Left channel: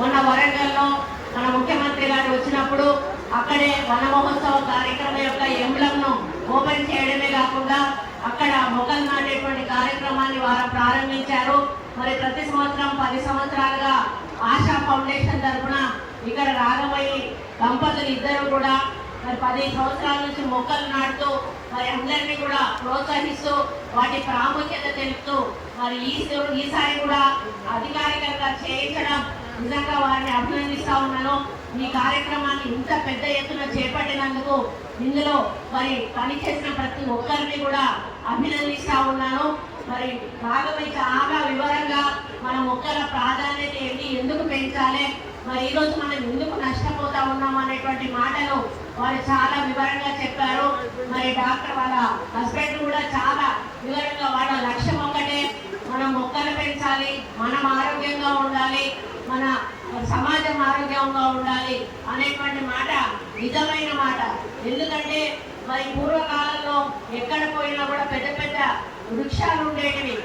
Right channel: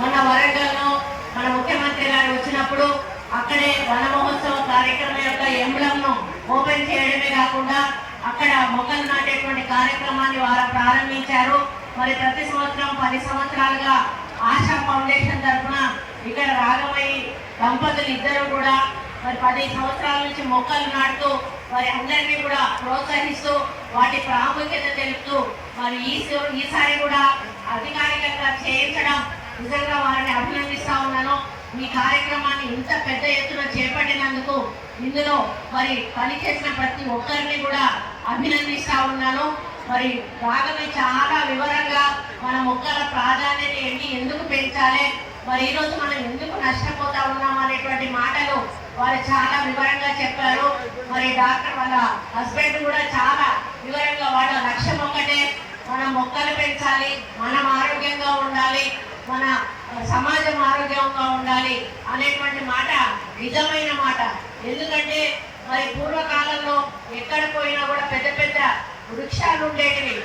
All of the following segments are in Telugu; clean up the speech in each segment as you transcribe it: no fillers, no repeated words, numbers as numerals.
మన వరంగల్లో మన ముఖ్యమంత్రి గారు వచ్చినప్పుడు అక్కడే వన మహోత్సవ కార్యక్రమం యొక్క ఎంబ్లంను ఓపెన్ చేయడమే కాకుండా అక్కడ మొక్కలు నాటేటువంటి కార్యక్రమాన్ని వారు ప్రారంభించారు. మరి ప్రతి సంవత్సరం 10 సంవత్సరాలుగా ఆశా ఫౌండేషన్ తరఫున ఇక్కడ రాఘవయ్య దంపతులు ఇద్దరు కూడా మరి 10 సంవత్సరాల నుంచి మొక్కలు నాటుతూ మరి అందరినీ కూడా ప్రోత్సహిస్తూ వాటి ప్రాముఖ్యత తెలుపుతూ మరి ఈసారి కూడా అధికారికంగా చేయించడం నిజంగా వారిని అభినందిస్తా ఉన్నాను. ఈ కార్యక్రమాన్ని ఇంత పెద్ద ఎత్తున చేపట్టినందుకు ఇందులో మరి పనిచేసిన ప్రతి ఒక్కరిని కూడా అభినందిస్తా ఉన్నాను. మరి రాఘవయ్య చాలా వివరంగా మన మొక్కల ప్రాధాన్యత ఏంటి, ఎందుకు పెంచాలి, మరి ఈరోజు మనం ఎందుకు నష్టపోతా ఉన్నాం అనేటువంటి మాటలు వారు చాలా వివరంగా చెప్పారు. మరి డాక్టర్ వాళ్ళ హస్బెండ్ కూడా చాలా వివరంగా వాళ్ళ లక్ష్యం ఒక్కటే, మనం మొక్కలు పెంచాలి, మనం ఆరోగ్యంగా ఉండాలి, మన సమాజం ఆరోగ్యంగా ఉండాలి అనేటువంటి మాట నిజమైన మాట. ఎందుకంటే మరి పూర్వకాలంలో ఎక్కడ పోయినా కూడా పెద్ద పెద్ద వృక్షాలు ఉండేటివి.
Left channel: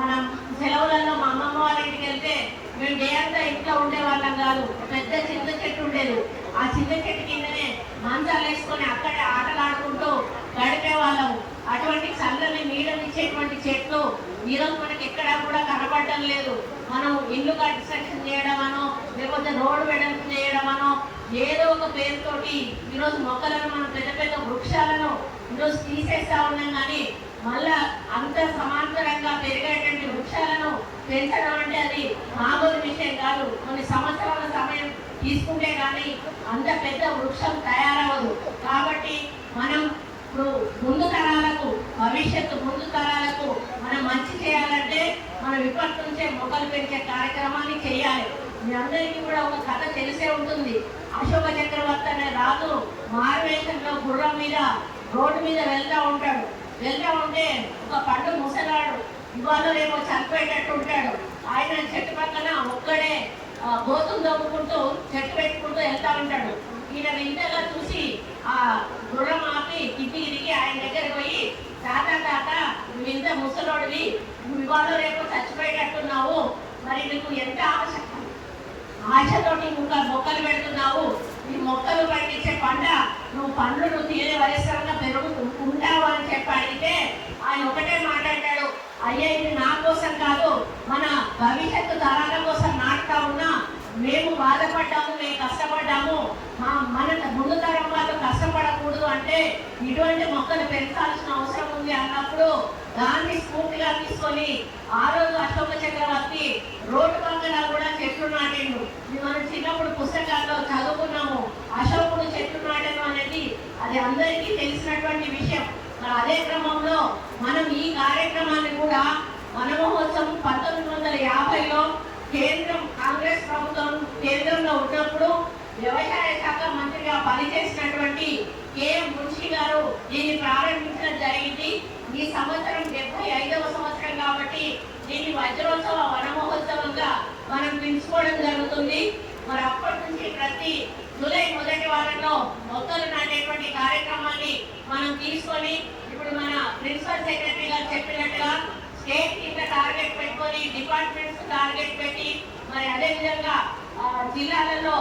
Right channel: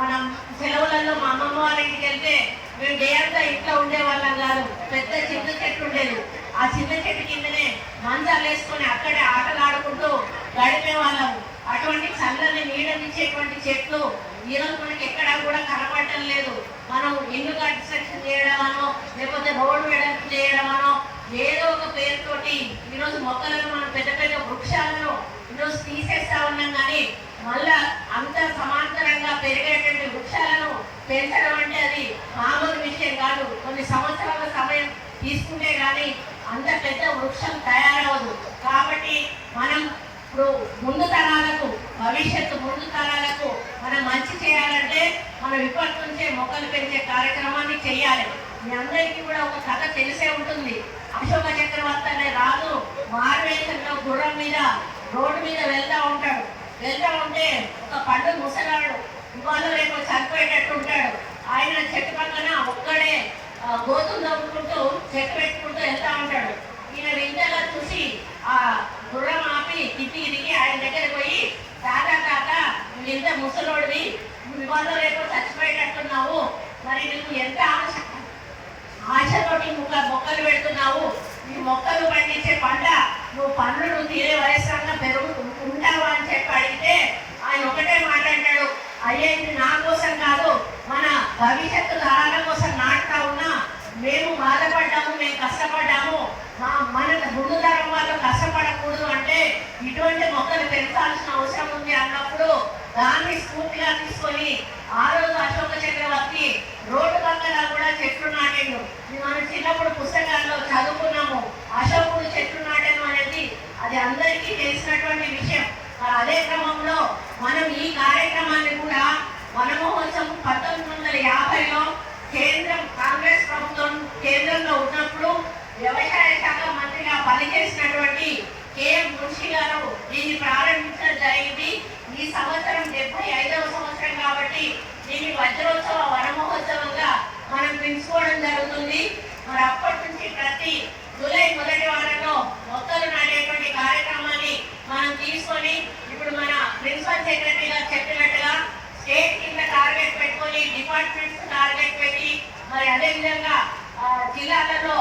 మనం సెలవులలో మా అమ్మమ్మ వాళ్ళ ఇంటికి వెళ్తే మేము దేయంతా ఇంట్లో ఉండేవాళ్ళం కాదు, పెద్ద చింత చెట్టు ఉండేది. ఆ చింత చెట్టు కిందనే మంచాలు వేసుకొని అక్కడే ఆటలు ఆడుకుంటూ గడిపే వాళ్ళము. అటువంటి చల్లని నీడనిచ్చేటువంటి చెట్లు ఈరోజు మనకి ఎక్కడా కూడా కనపడటం లేదు. మనం ఇల్లు కన్స్ట్రక్షన్ చేయడమనో లేకపోతే రోడ్డు వెడల్పు చేయడమనో ఏదో ఒక పేరుతోటి ఈరోజు మొక్కలను మనం పెద్ద పెద్ద వృక్షాలను ఈరోజు తీసేస్తా ఉన్నాం. కానీ మళ్ళా అంత సమాంతరంగా పెరిగేటువంటి వృక్షాలను పెంచడం అంటే అది మామూలు విషయం కాదు. కొన్ని సంవత్సరాల సమయం తీసుకుంటే కానీ అంత పెద్ద వృక్షం తయారవదు. కాబట్టి మనం ఇప్పుడు ముందు తరాలకు, భవిష్యత్తు ముందు తరాలకు మనం మంచి చేయాలంటే మనం ఇప్పటి నుంచే మొక్కలు పెంచే కార్యక్రమాన్ని చేయాలి. మీ అందరికీ కూడా ఒక కథ తెలిసే ఉంటుంది. అశోక చక్రవర్తి అనే రాజు మారువేషంలో గుర్రం మీద రోడ్డు మీద వెళ్తా ఉంటాడు. వెళ్తా ఉంటే ఒక పండు ముసలాడు ఇవాళ రేపు చనిపోయేటట్టు ఉంటాడు. ఆయన చెట్టు పక్కన ఒక్కడే గోతులు దొంగుకుంటూ చెట్టు పెట్టుకుంటూ వెళ్తా ఉంటాడు. ఈయన వింతగా చూసి ఆ గుర్రం ఆపి తిరిగి ఆయన దగ్గర పోయి, తాత నువ్వు ఇంత ముసలోడివి, నువ్వు ఇవాళ రేపు చచ్చిపోయేటట్టున్నావు, మరి నీకు ఎంత ఆశతోటి మొక్కలు పెడుతున్నావు, ఈ మొక్కలు పండించే పంట నువ్వు పన్నులు తీరే వయసుగా ఉంటావు అని చెప్పి అడిగితే ఆయన ఒకటే మాట్లాడాడు, అయ్యే ఇది నా కోసం కాదు, మన భవిష్యత్తు తరాల కోసం నాటుతా ఉన్నా, మేము బాధపడ్డాము, మేము కష్టపడ్డాము, మన ముందు తరం వాళ్ళు కష్టపడకూడదు అంటే ఇటువంటి మొక్కలు పెంచాల్సిన అవసరం ఉంది అన్నప్పుడు దాన్ని స్ఫూర్తిగా తీసుకొని ఆ రోజు అశోక చక్రవర్తి రోడ్డు పక్కన కూడా చెట్లు నాటిండు. మనం చిన్నప్పుడు పుస్తకాల్లో చదువుకున్నాము, అశోకుడు చెట్లు నాటను అనేది అది అందరికీ తెలిసినటువంటి విషయం. మరి అదే క్రమంలో మనం ఈ కార్యక్రమాన్ని కూడా వన మహోత్సవం 1950లో కేంద్రం కాంగ్రెస్ ప్రభుత్వం కేంద్రంలో ఉన్నప్పుడు వ్యవసాయ శాఖ మంత్రిగా పనిచేసినటువంటి కెఎం మున్షి గారు దీన్ని ప్రారంభించడం జరిగింది. ఈ సంవత్సరం 75వ సంవత్సరం కాబట్టి దీన్ని వజ్రోత్సవ వన మహోత్సవంగా మనం పిలుచుకోవడం జరుగుతుంది. మరి అప్పటి నుంచి ప్రతి జూలై మొదటి వారంలో మొక్కలు నాటేటువంటి కార్యక్రమాన్ని మనం తీసుకొని ఇప్పుడు మన ప్రిన్సిపల్ సెక్రటరీ గారు చెప్పినట్టుగా స్టేట్ కింద టార్గెట్ పెట్టుకొని డిపార్ట్మెంట్స్ టార్గెట్ పెట్టి మరి అదేవిధంగా జిల్లాలలో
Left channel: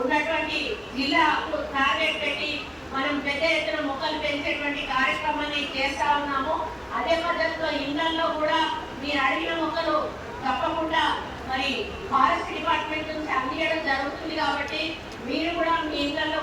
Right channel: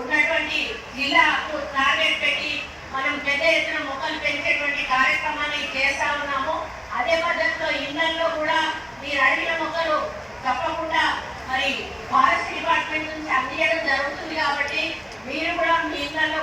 ఉన్నటువంటి జిల్లాకు టార్గెట్ పెట్టి మనం పెద్ద ఎత్తున మొక్కలు పెంచేటువంటి కార్యక్రమాన్ని చేస్తా ఉన్నాము. అదే పద్ధతిలో ఇళ్లలో కూడా మీరు అడిగిన మొక్కలు తప్పకుండా మరి ఫారెస్ట్ డిపార్ట్మెంట్ నుంచి అందించడం జరుగుతుంది. కాబట్టి మీరు కూడా మీ ఇళ్లలో